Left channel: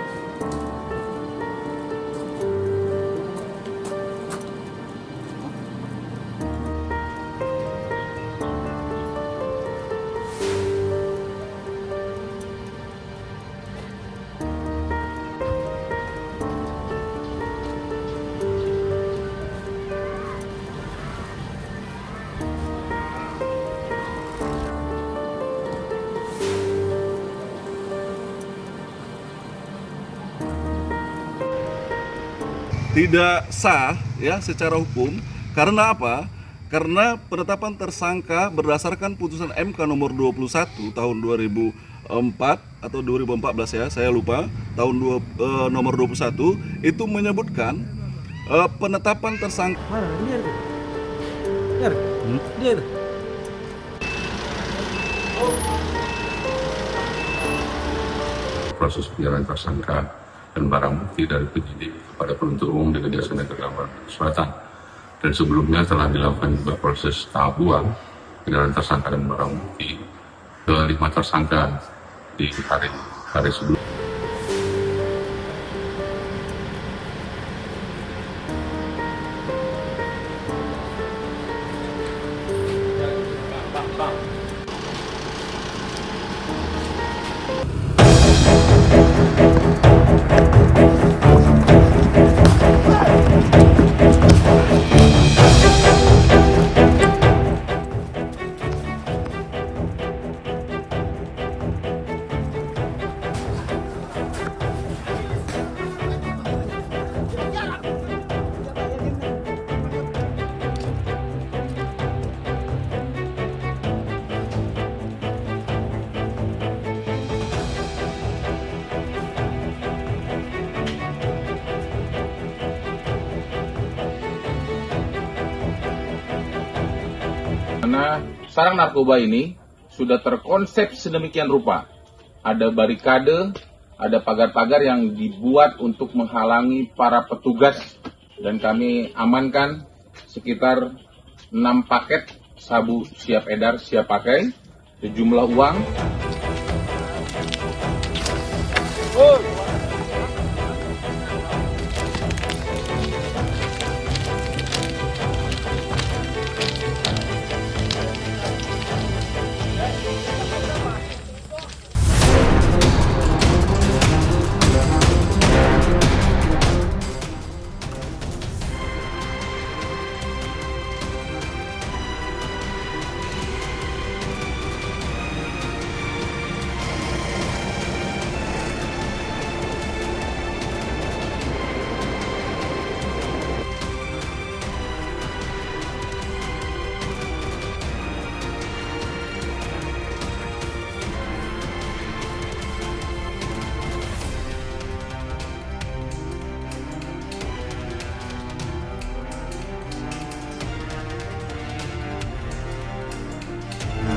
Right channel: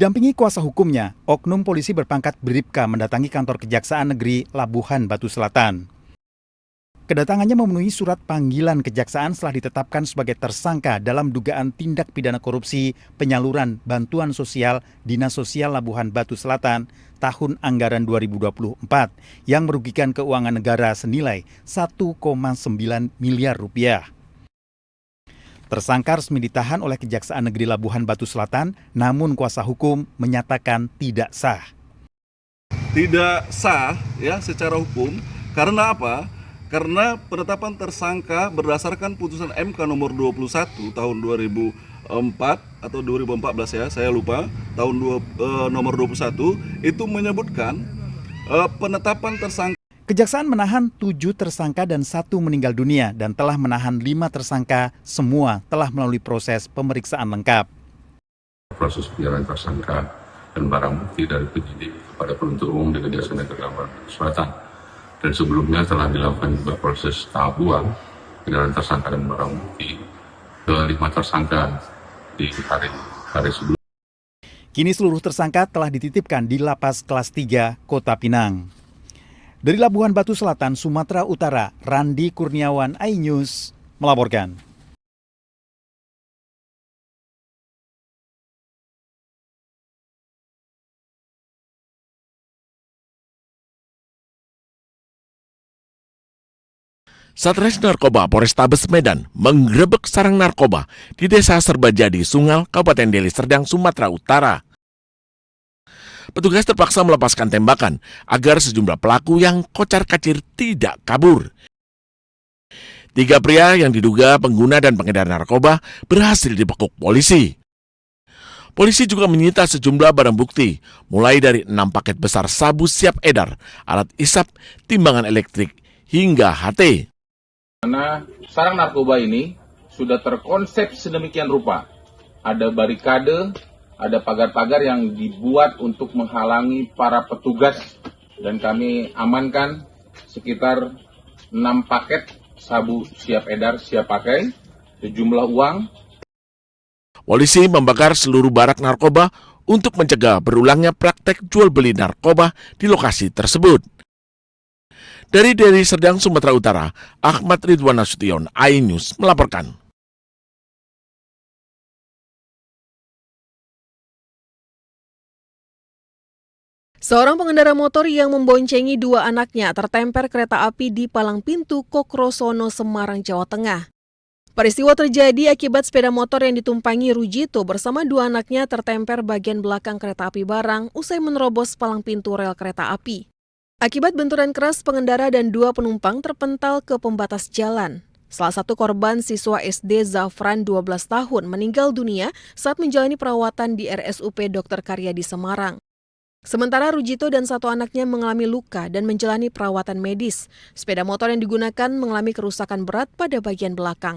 Didampingi kuasa hukumnya, oknum polisi berpangkat Bribka mendatangi kantor Kejaksaan Negeri Labuhan Batu Selatan. Kedatangannya memenuhi surat panggilan kejaksaan setelah ditetapkan sebagai tersangka dalam dugaan tindak pidana korupsi penyaluran bantuan sosial Dinas Sosial Labuhan Batu Selatan tahun anggaran 2024 yang merugikan keuangan negara senilai 1,9 miliar rupiah. Tersangka resmi ditahan oleh Kejaksaan Negeri Labuhan Batu Selatan, namun kuasa hukum menyatakan tidak sah. Tidak sah ya secara hukum, karena apa? Karena penetapan tersangka berdasarkan putusan MK nomor 21 tahun 2004 atau 2014 ya, saya lupa, nomor 21 itu menyebutkan penetapan tersangka. Kejaksaan menahan 7 tersangka dan 1 meninggal dunia dan telah menahan 5 tersangka, semua telah melalui proses pemeriksaan lengkap. Proses penyerahan tersangka dan barang bukti dari penyidik kepada penuntut umum di Kejaksaan Negeri Labuhan Batu Selatan. Dan sebelumnya telah dilakukan juga proses tahap 2 penyerahan tersangka dan barang bukti ke 5 tersangka di hari sebelumnya. Kini seluruh tersangka telah dititipkan di Lapas Kelas 3 Kota Pinang. Dari Labuhan Batu Selatan, Sumatera Utara, Randi Kurniawan, iNews melaporkan. Satres Narkoba Polrestabes Medan menggerebek sarang narkoba di Desa Serbajadi, Sungal, Kabupaten Deli Serdang, Sumatera Utara. Petugas terpaksa melepaskan tembakan agar sejumlah pelaku yang kocar-kacir tidak kabur. 3 pria yang diduga pengguna dan pengedar narkoba berhasil dibekuk polisi. Polisi juga menyita sejumlah barang bukti, mulai dari 6 paket besar sabu siap edar, alat isap, timbangan elektrik, hingga HT. Karena sarang narkoba ini sudah terkonsep sedemikian rupa. Ada barikade, ada pagar-pagar yang dibuat untuk menghalangi para petugas, dan kami amankan sekitar 6 paket sabu siap edar, siap pakai, sejumlah uang. Polisi membakar seluruh barak narkoba untuk mencegah berulangnya praktek jual beli narkoba di lokasi tersebut. Dari Deli Serdang, Sumatera Utara, Ahmad Ridwan Nasution, iNews melaporkan. Seorang pengendara motor yang memboncengi 2 anaknya tertemper kereta api di palang pintu Kokrosono, Semarang, Jawa Tengah. Peristiwa terjadi akibat sepeda motor yang ditumpangi Rujito bersama 2 anaknya tertemper bagian belakang kereta api barang usai menerobos palang pintu rel kereta api. Akibat benturan keras, pengendara dan 2 penumpang terpental ke pembatas jalan. Salah satu korban, siswa SD Zafran 12 tahun, meninggal dunia saat menjalani perawatan di RSUP Dr. Karyadi Semarang. Sementara Rujito dan 1 anaknya mengalami luka dan menjalani perawatan medis. Sepeda motor yang digunakan mengalami kerusakan berat pada bagian belakang.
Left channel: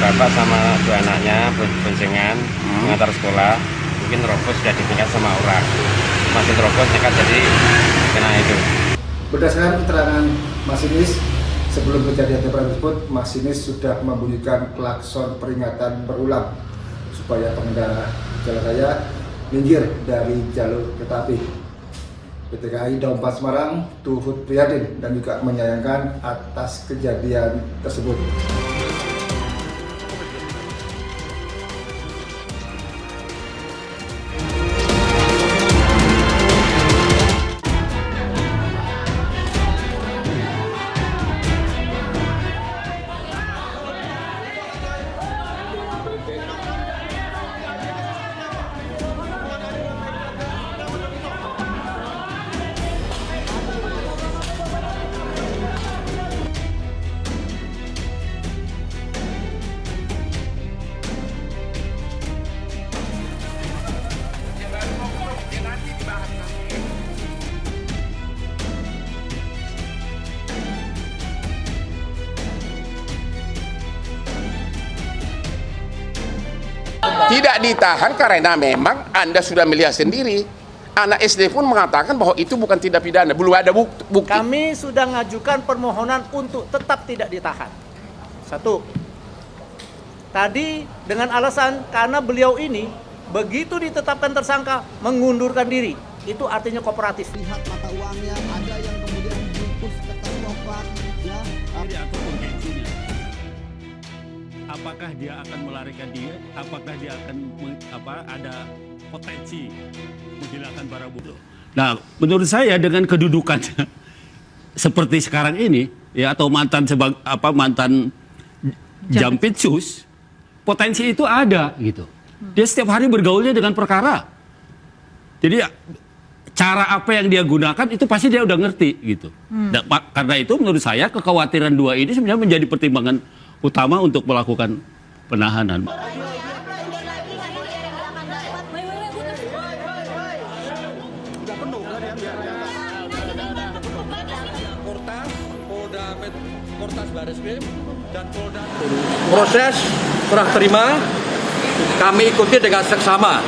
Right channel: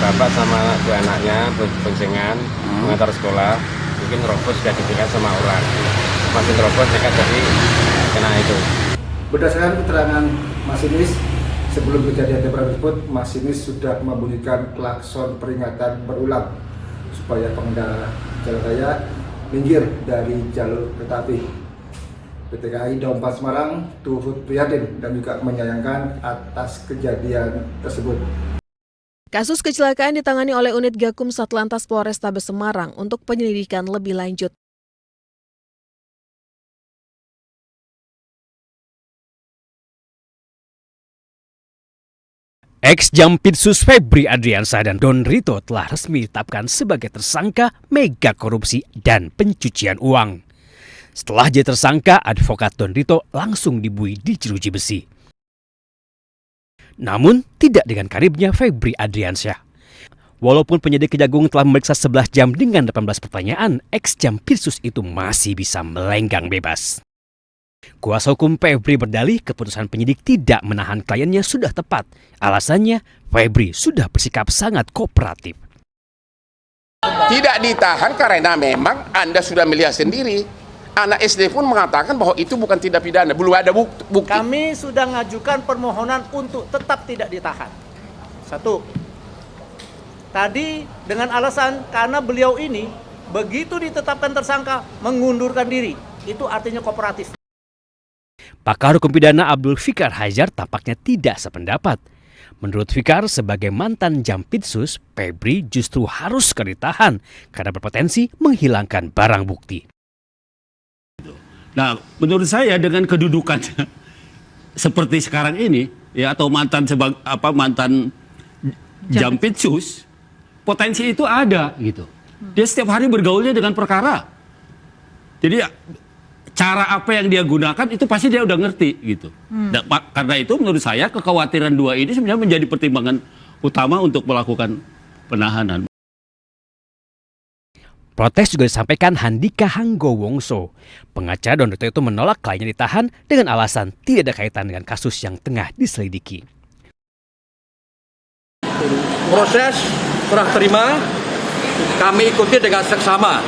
Bapak sama 2 anaknya boncengan mengantar sekolah, mungkin terobos sudah ditinggal sama orang. Masih terobos nekat jadi kena itu. Berdasarkan keterangan masinis, sebelum kejadian tersebut, masinis sudah membunyikan klakson peringatan berulang supaya pengendara jalan raya minggir dari jalur kereta api. PT KAI Daup 4 Semarang turut prihatin dan juga menyayangkan atas kejadian tersebut. Kasus kecelakaan ditangani oleh unit Gakum Satlantas Polrestabes Semarang untuk penyelidikan lebih lanjut. Ex-Jampitsus Febri Adriansyah dan Don Rito telah resmi ditetapkan sebagai tersangka mega korupsi dan pencucian uang. Setelah jadi tersangka, advokat Don Rito langsung dibunuh di jeruji besi. Namun tidak dengan karibnya Febri Adriansyah. Walaupun penyidik Kejagung telah memeriksa 11 jam dengan 18 pertanyaan, ex-Jampitsus itu masih bisa melenggang bebas. Kuasa hukum Febri berdalih keputusan penyidik tidak menahan kliennya sudah tepat. Alasannya, Febri sudah bersikap sangat kooperatif. Tidak ditahan karena memang Anda sudah melihat sendiri. Anak SD pun mengatakan bahwa itu bukan tindak pidana, belum ada bukti. Kami sudah mengajukan permohonan untuk tetap tidak ditahan. 1. Tadi dengan alasan karena beliau ini begitu ditetapkan tersangka mengundurkan diri. Itu artinya kooperatif. Pakar hukum pidana Abdul Fikar Hajar tampaknya tidak sependapat. Menurut Fikar, sebagai mantan Jampitsus, Febri justru harus ditahan karena berpotensi menghilangkan barang bukti. Nah, menurut saya dengan kedudukan seperti sekarang ini, ya, atau mantan Jampitsus, potensi itu ada gitu. Dia setiap hari bergaulnya dengan perkara. Jadi cara apa yang dia gunakan itu pasti dia udah ngerti gitu. Dan, karena itu menurut saya kekhawatiran dua ini sebenarnya menjadi pertimbangan utama untuk melakukan penahanan. Protes juga disampaikan Handika Hanggowongso. Pengacara Don Brito itu menolak kliennya ditahan dengan alasan tidak ada kaitan dengan kasus yang tengah diselidiki. Proses serah terima kami ikuti dengan seksama.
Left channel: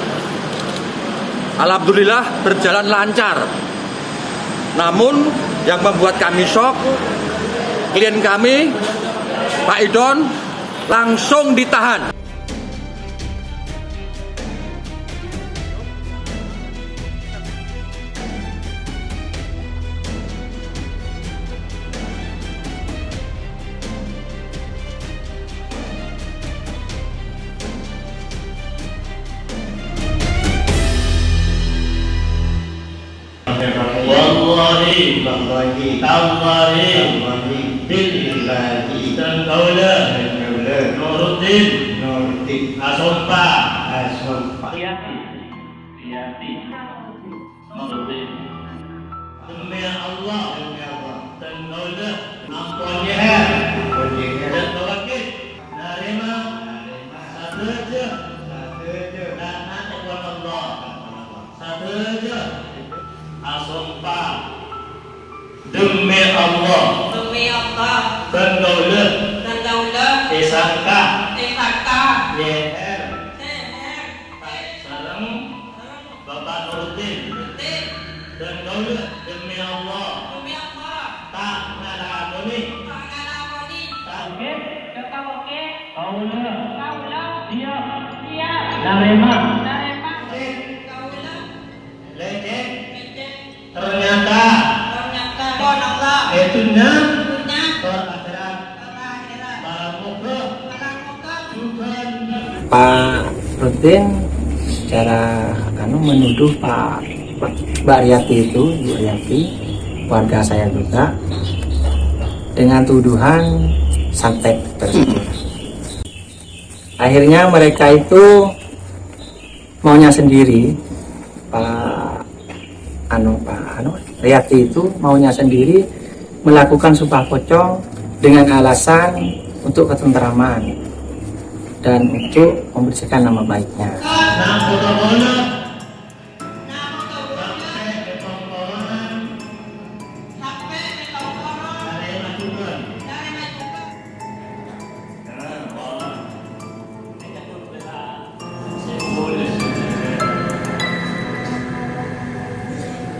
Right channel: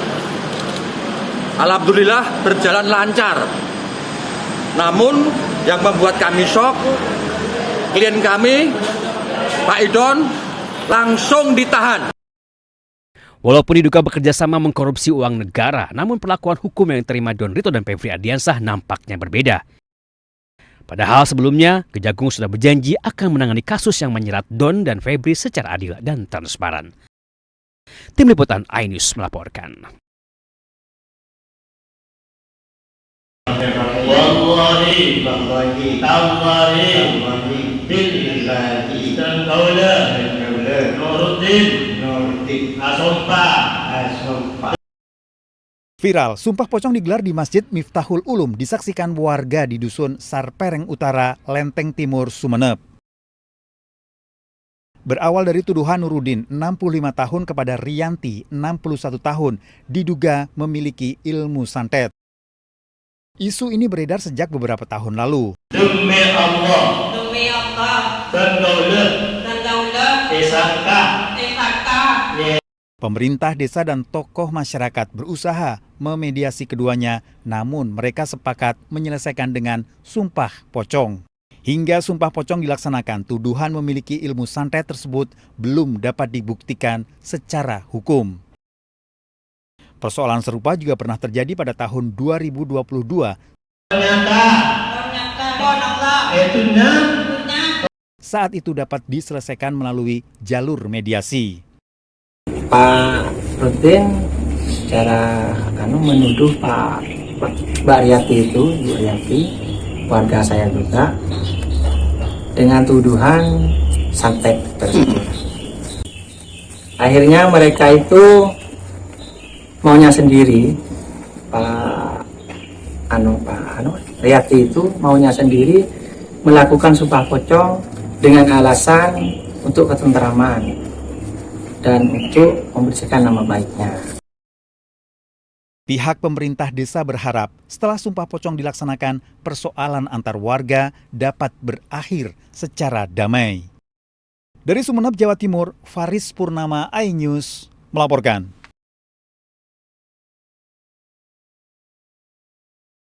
Alhamdulillah berjalan lancar. Namun yang membuat kami shock, klien kami, Pak Idon, langsung ditahan. Walaupun diduga bekerja sama mengkorupsi uang negara, namun perlakuan hukum yang diterima Don Brito dan Febri Ardiansyah nampaknya berbeda. Padahal sebelumnya, Kejagung sudah berjanji akan menangani kasus yang menyerat Don dan Febri secara adil dan transparan. Tim Liputan iNews melaporkan. Wallahi billahi taala Nuruddin Viral, sumpah pocong digelar di Masjid Miftahul Ulum disaksikan warga di Dusun Sarpereng Utara, Lempeng Timur, Sumeneb. Berawal dari tuduhan Nuruddin, 65 tahun kepada Rianti, 61 tahun, diduga memiliki ilmu santet. Isu ini beredar sejak beberapa tahun lalu. Demi Allah, dan daulat, Pemerintah desa dan tokoh masyarakat berusaha memediasi keduanya, namun mereka sepakat menyelesaikan dengan sumpah pocong. Hingga sumpah pocong dilaksanakan, tuduhan memiliki ilmu santet tersebut belum dapat dibuktikan secara hukum. Persoalan serupa juga pernah terjadi pada tahun 2022. Saat itu dapat diselesaikan melalui jalur mediasi. Pak Rutin secara menuduh Mbak Riati itu, Bu Riati, warga saya juga, dengan tuduhan santet tersebut. Akhirnya mereka itu maunya sendiri, Pak Riati itu maunya sendiri melakukan sumpah pocong dengan alasan untuk ketentraman dan untuk membersihkan nama baiknya. Pihak pemerintah desa berharap setelah sumpah pocong dilaksanakan, persoalan antar warga dapat berakhir secara damai. Dari Sumeneb, Jawa Timur, Faris Purnama, iNews melaporkan.